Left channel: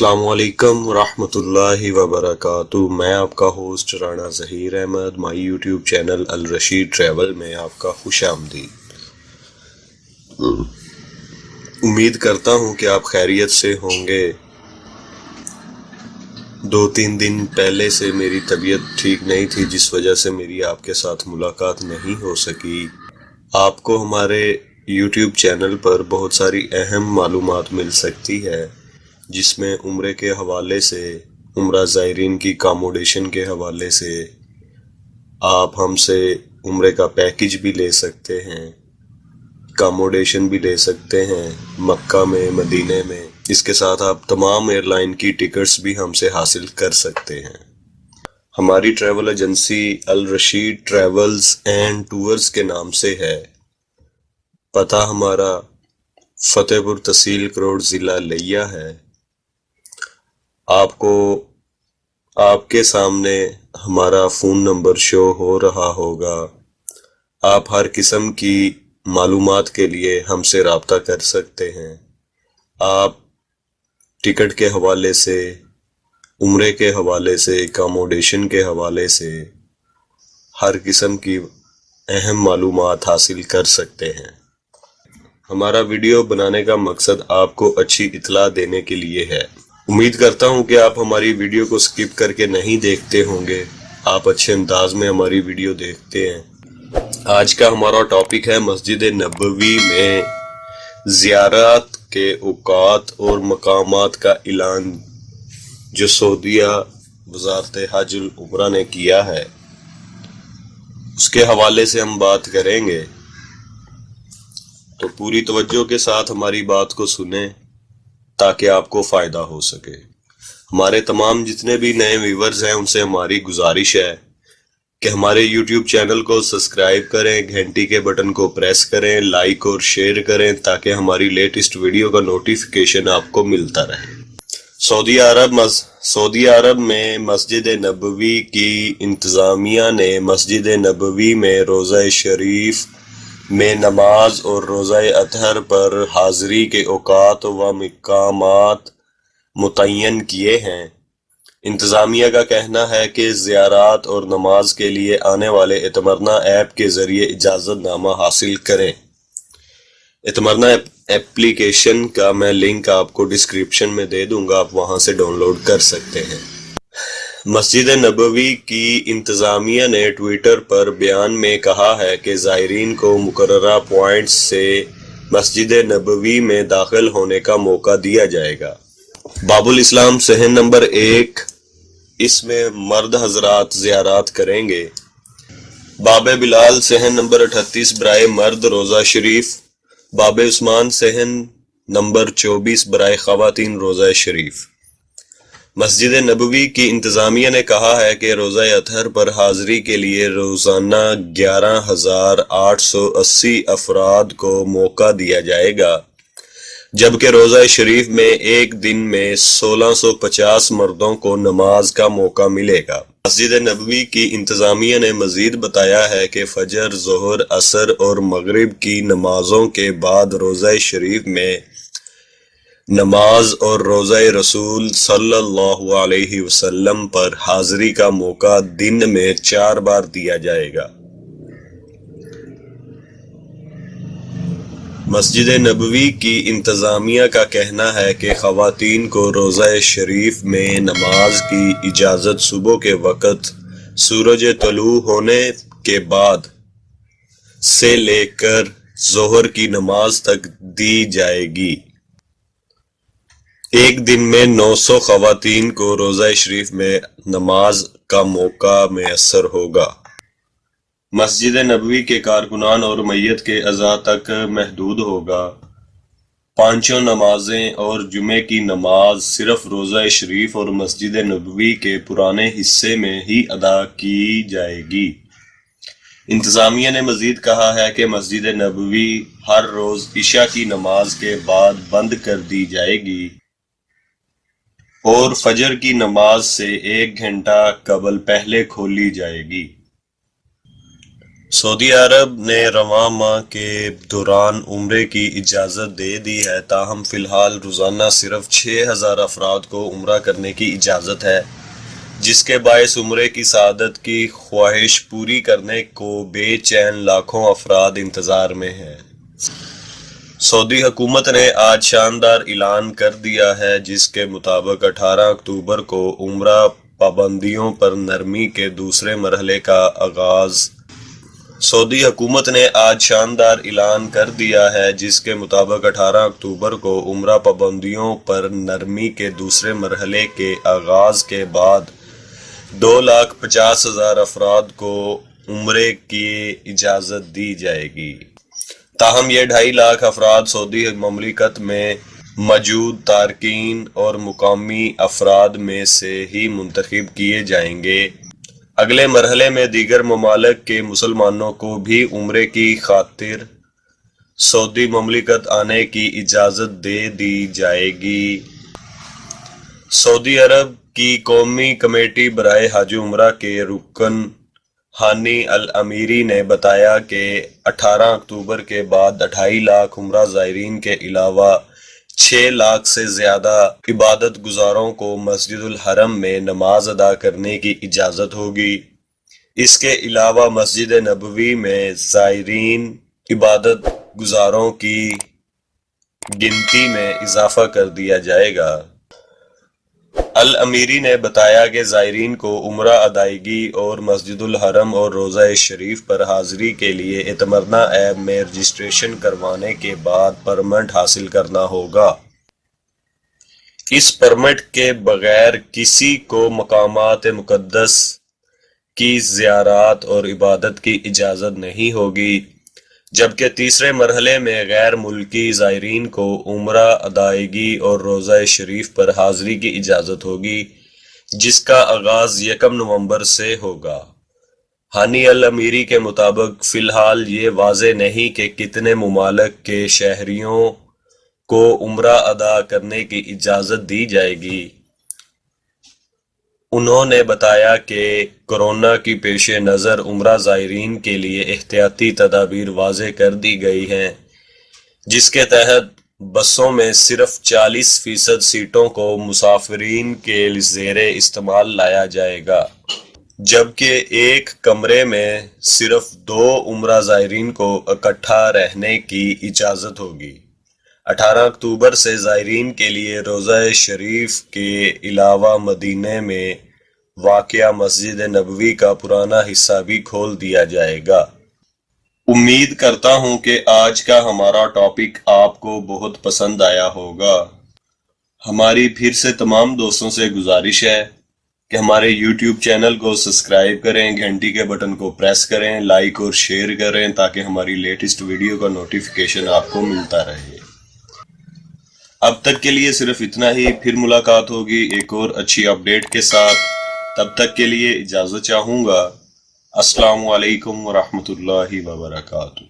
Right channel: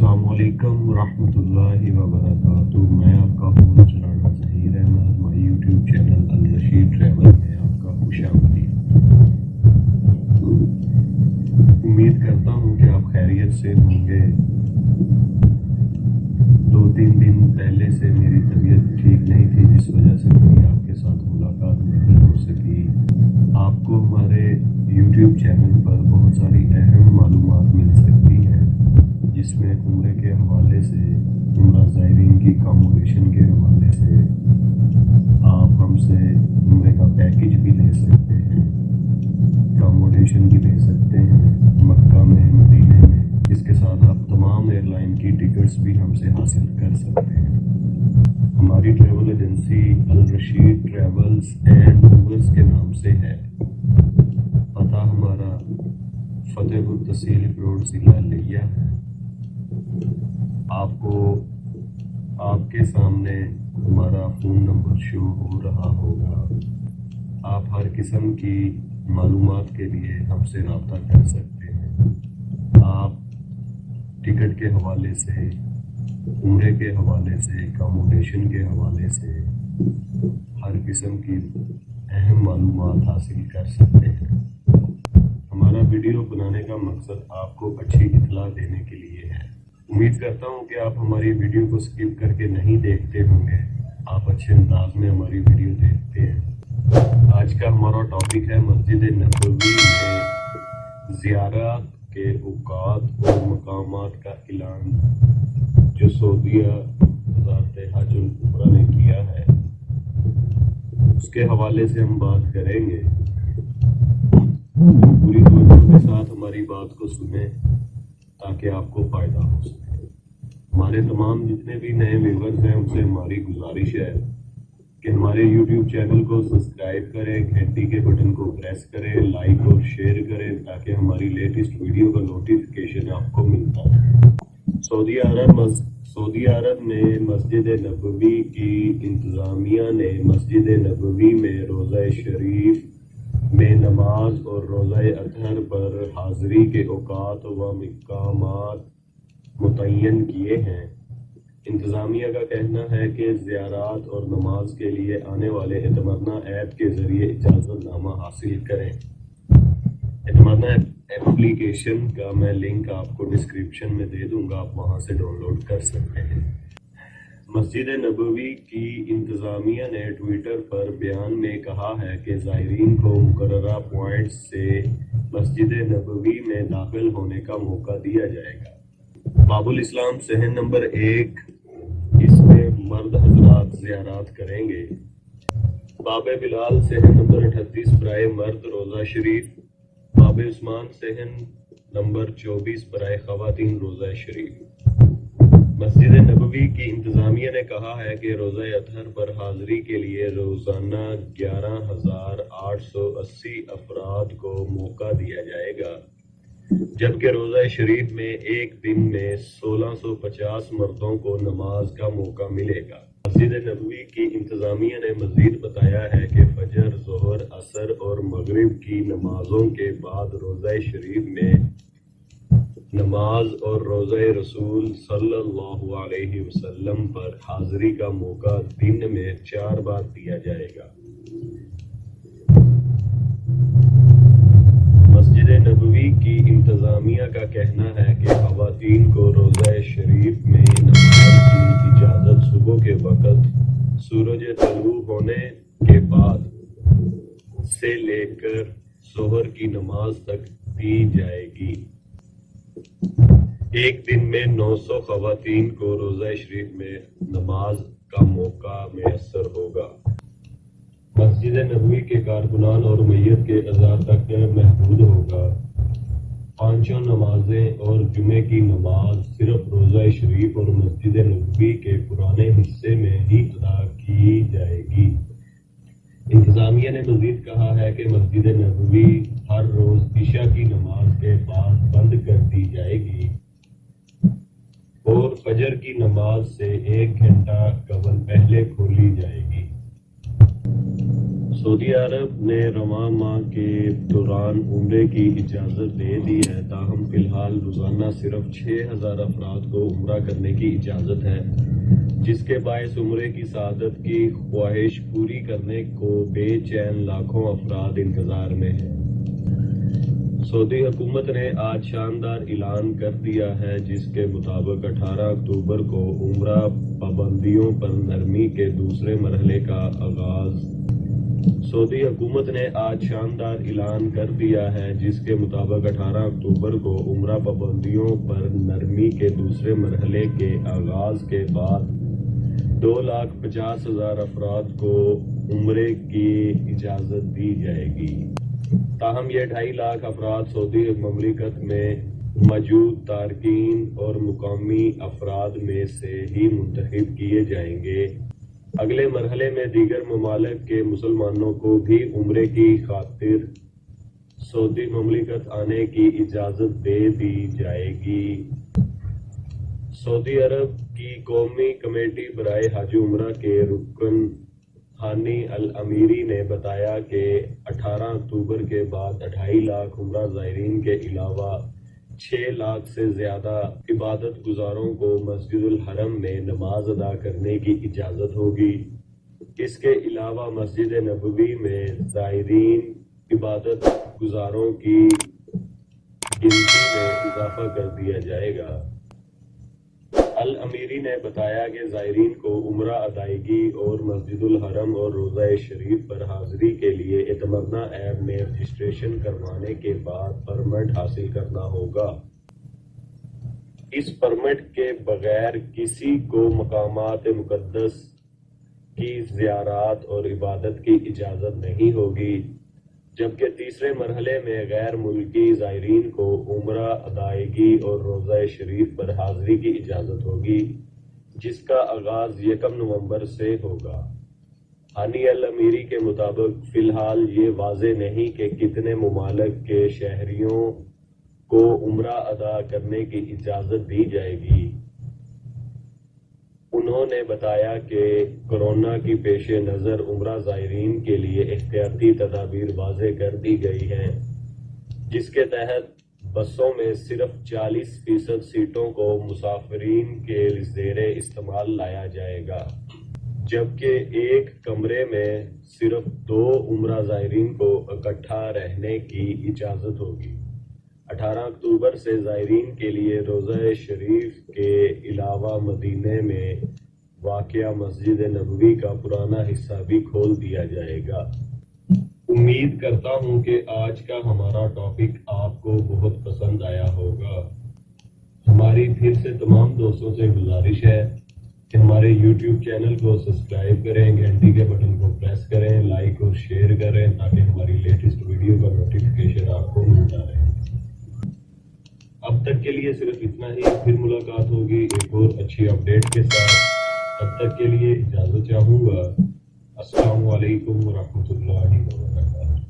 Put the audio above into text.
السلام علیکم ورحمۃ اللہ وبرکاتہ۔ میں آپ کا host Rana Zaheer Ahmed, my YouTube channel Alrashid travel میں آپ کا خوش آمدید۔ امید کرتا ہوں کہ آپ خیریت سے ہوں گے۔ 2-3 دن پہلے سے میری طبیعت ٹھیک نہیں تھی، جس وجہ سے میری آپ کے ساتھ ملاقات نہیں ہو سکی۔ آپ کو ہمارے یوٹیوب چینل پر بہت ساری اہم معلومات مل سکتی ہے، جس میں عمرے کے حوالے سے، عمرہ زائرین کی اکاموڈیشن کے حوالے سے آپ ہم سے عمرے کا پیکج بھی لے سکتے ہیں، اکاموڈیشن بھی لے سکتے ہیں مکہ میں، مدینہ میں۔ اس کے ساتھ آپ تمام ایئر لائن کی ٹکٹس بھی ہم سے حاصل کر سکتے ہیں۔ ہماری travel agency Alrashid travels and tours کے نام سے ہے۔ پتہ ہمارا فتح پور تحصیل کروڑ ضلع لیا ہے۔ آپ کو آپ کے سامنے ہمارا فون نمبر شو ہو رہا ہوگا۔ آپ ہر قسم کی معلومات کے لیے ہم سے رابطہ کر سکتے ہیں۔ آپ ٹکٹ کے حوالے سے، عمرے کے حوالے سے، اکاموڈیشن کے حوالے سے ہر قسم کی اہم معلومات حاصل کر سکتے ہیں۔ ہمارا ویڈیو بنانے کا مقصد آپ کو اچھی اطلاع دینے کے لیے ہے۔ امید کرتا ہوں کہ آپ ہماری ویڈیو کو سکپ کر کے نہیں دیکھتے ہوں گے، آپ اچھے انداز میں ہماری ویڈیو دیکھتے ہیں۔ آج کا ہمارا ٹاپک ہے مسجد نبوی میں زیارت کے اوقات اور مقامات کا اعلان، جو سعودیہ وزارت حج العمرہ نے کیا ہے، اس کے حوالے سے ہم بات کریں گے۔ پوری توجہ کے ساتھ ہماری بات کو سنیں تاکہ آپ کو فائدہ ہو سکے۔ ہمارے تمام جتنے بھی نئے ویورز ہیں، ان سے ہماری گزارش ہے کہ ہمارے یوٹیوب چینل کو سبسکرائب کریں، گھنٹی کے بٹن کو پریس کریں، لائک اور شیئر کریں تاکہ ہماری لیٹسٹ ویڈیو کا نوٹیفیکیشن آپ کو ملتا رہے۔ سعودی عرب میں مسجد نبوی کی انتظامیہ نے مسجد نبوی میں روزہ شریف میں نماز اور روزہ اطہر پر حاضری کے اوقات و مقامات متعین کیے ہیں۔ انتظامیہ کا کہنا ہے کہ زیارات اور نماز کے لیے آنے والے اتمرنا ایپ کے ذریعے اجازت نامہ حاصل کریں۔ اتمرنا ایپلیکیشن کا میں لنک آپ کو ڈسکرپشن میں دے دوں گا، آپ وہاں سے ڈاؤن لوڈ کر سکتے ہیں۔ مسجد نبوی کی انتظامیہ نے ٹویٹر پر بیان میں کہا ہے کہ زائرین کو مقررہ پوائنٹس سے مسجد نبوی میں داخل ہونے کا موقع دیا جائے گا۔ باب الاسلام صحن نمبر 1، اس میں مرد حضرات زیارات کریں گے۔ باب بلال صحن نمبر 38 برائے مرد روزہ شریف۔ باب عثمان صحن نمبر 24 برائے خواتین روزہ شریف۔ مسجد نبوی کی انتظامیہ نے کہا ہے کہ روزہ اطہر پر حاضری کے لیے روزانہ 11,880 افراد کو موقع دیا جائے گا، جبکہ روزہ شریف میں ایک دن میں 1650 مردوں کو نماز کا موقع ملے گا۔ مسجد نبوی کی انتظامیہ نے مزید بتایا ہے کہ فجر، ظہر، عصر اور مغرب کی نمازوں کے بعد روزہ شریف میں نماز اور روزہ رسول صلی اللہ علیہ وسلم پر حاضری کا موقع دن میں 4 بار دیا جائے گا۔ مسجد نبوی کی انتظامیہ کا کہنا ہے کہ خواتین کو روزہ شریف میں نماز کی اجازت صبح کے وقت سورج طلوع ہونے کے بعد سے لے کر ظہر کی نماز تک دی جائے گی۔ ایک دن میں 900 خواتین کو روزہ شریف میں نماز کا موقع میسر ہوگا۔ مسجد نبوی کے کارکنان اور میت کے اعضاء تک محدود ہوگا۔ 5 نمازیں اور جمعے کی نماز صرف روزہ شریف اور مسجد نبوی کے پرانے حصے میں ہی ادا کی جائے گی۔ انتظامیہ نے مزید کہا ہے کہ مسجد نبوی ہر روز عشاء کی نماز کے بعد بند کر دی جائے گی اور فجر کی نماز سے 1 گھنٹہ قبل پہلے کھولی جائے گی۔ سعودی عرب نے رواں ماہ کے دوران عمرے کی اجازت دے دی ہے، تاہم فی الحال روزانہ صرف 6,000 افراد کو عمرہ کرنے کی اجازت ہے، جس کے باعث عمرے کی سعادت کی خواہش پوری کرنے کو بے چین لاکھوں افراد انتظار میں ہیں۔ سعودی حکومت نے آج شاندار اعلان کر دیا ہے، جس کے مطابق 18 اکتوبر کو عمرہ پابندیوں پر نرمی کے دوسرے مرحلے کا آغاز۔ سعودی حکومت نے آج شاندار اعلان کر دیا ہے، جس کے مطابق 18 اکتوبر کو عمرہ پابندیوں پر نرمی کے دوسرے مرحلے کے آغاز کے بعد 2,50,000 افراد کو عمرے کی اجازت دی جائے گی۔ تاہم یہ 2.5 لاکھ افراد سعودی مملکت میں موجود تارکین اور مقامی افراد میں سے ہی منتخب کیے جائیں گے۔ اگلے مرحلے میں دیگر ممالک کے مسلمانوں کو بھی عمرے کی خاطر سعودی مملکت آنے کی اجازت دے دی جائے گی۔ سعودی عرب کی قومی کمیٹی برائے حج و عمرہ کے رکن ہانی الامیری نے بتایا کہ 18 اکتوبر کے بعد 2.5 لاکھ عمرہ زائرین کے علاوہ 6 لاکھ سے زیادہ عبادت گزاروں کو مسجد الحرم میں نماز ادا کرنے کی اجازت ہوگی۔ اس کے علاوہ مسجد نبوی میں زائرین عبادت گزاروں کی گنتی میں اضافہ کر دیا جائے گا۔ الامیری نے بتایا کہ زائرین کو عمرہ ادائیگی اور مسجد الحرم اور روضہ شریف پر حاضری کے لیے اعتمرنا ایپ میں رجسٹریشن کروانے کے بعد پرمٹ حاصل کرنا ہوگا۔ اس پرمٹ کے بغیر کسی کو مقامات مقدس کی زیارت اور عبادت کی اجازت نہیں ہوگی، جبکہ تیسرے مرحلے میں غیر ملکی زائرین کو عمرہ ادائیگی اور روضہ شریف پر حاضری کی اجازت ہوگی، جس کا آغاز 1 نومبر سے ہوگا۔ ہانی الامیری کے مطابق فی الحال یہ واضح نہیں کہ کتنے ممالک کے شہریوں کو عمرہ ادا کرنے کی اجازت دی جائے گی۔ انہوں نے بتایا کہ کورونا کی پیش نظر عمرہ زائرین کے لیے احتیاطی تدابیر واضح کر دی گئی ہیں، جس کے تحت بسوں میں صرف 40% سیٹوں کو مسافرین کے زیر استعمال لایا جائے گا، جبکہ ایک کمرے میں صرف 2 عمرہ زائرین کو اکٹھا رہنے کی اجازت ہوگی۔ 18 اکتوبر سے زائرین کے لیے روضہ شریف کے علاوہ مدینہ میں واقع مسجد نبوی کا پرانا حصہ بھی کھول دیا جائے گا۔ امید کرتا ہوں کہ آج کا ہمارا ٹاپک آپ کو بہت پسند آیا ہوگا۔ ہماری پھر سے تمام دوستوں سے گزارش ہے کہ ہمارے یوٹیوب چینل کو سبسکرائب کریں، گھنٹی کے بٹن کو پریس کریں، لائک اور شیئر کریں تاکہ ہماری لیٹسٹ ویڈیو کا نوٹیفیکیشن آپ کو ملتا رہے۔ اب تک کے لیے صرف اتنا ہی، پھر ملاقات ہوگی ایک اور اچھی اپڈیٹ کے ساتھ۔ تب تک کے لیے اجازت چاہوں گا۔ السلام علیکم ورحمۃ اللہ وبرکاتہ۔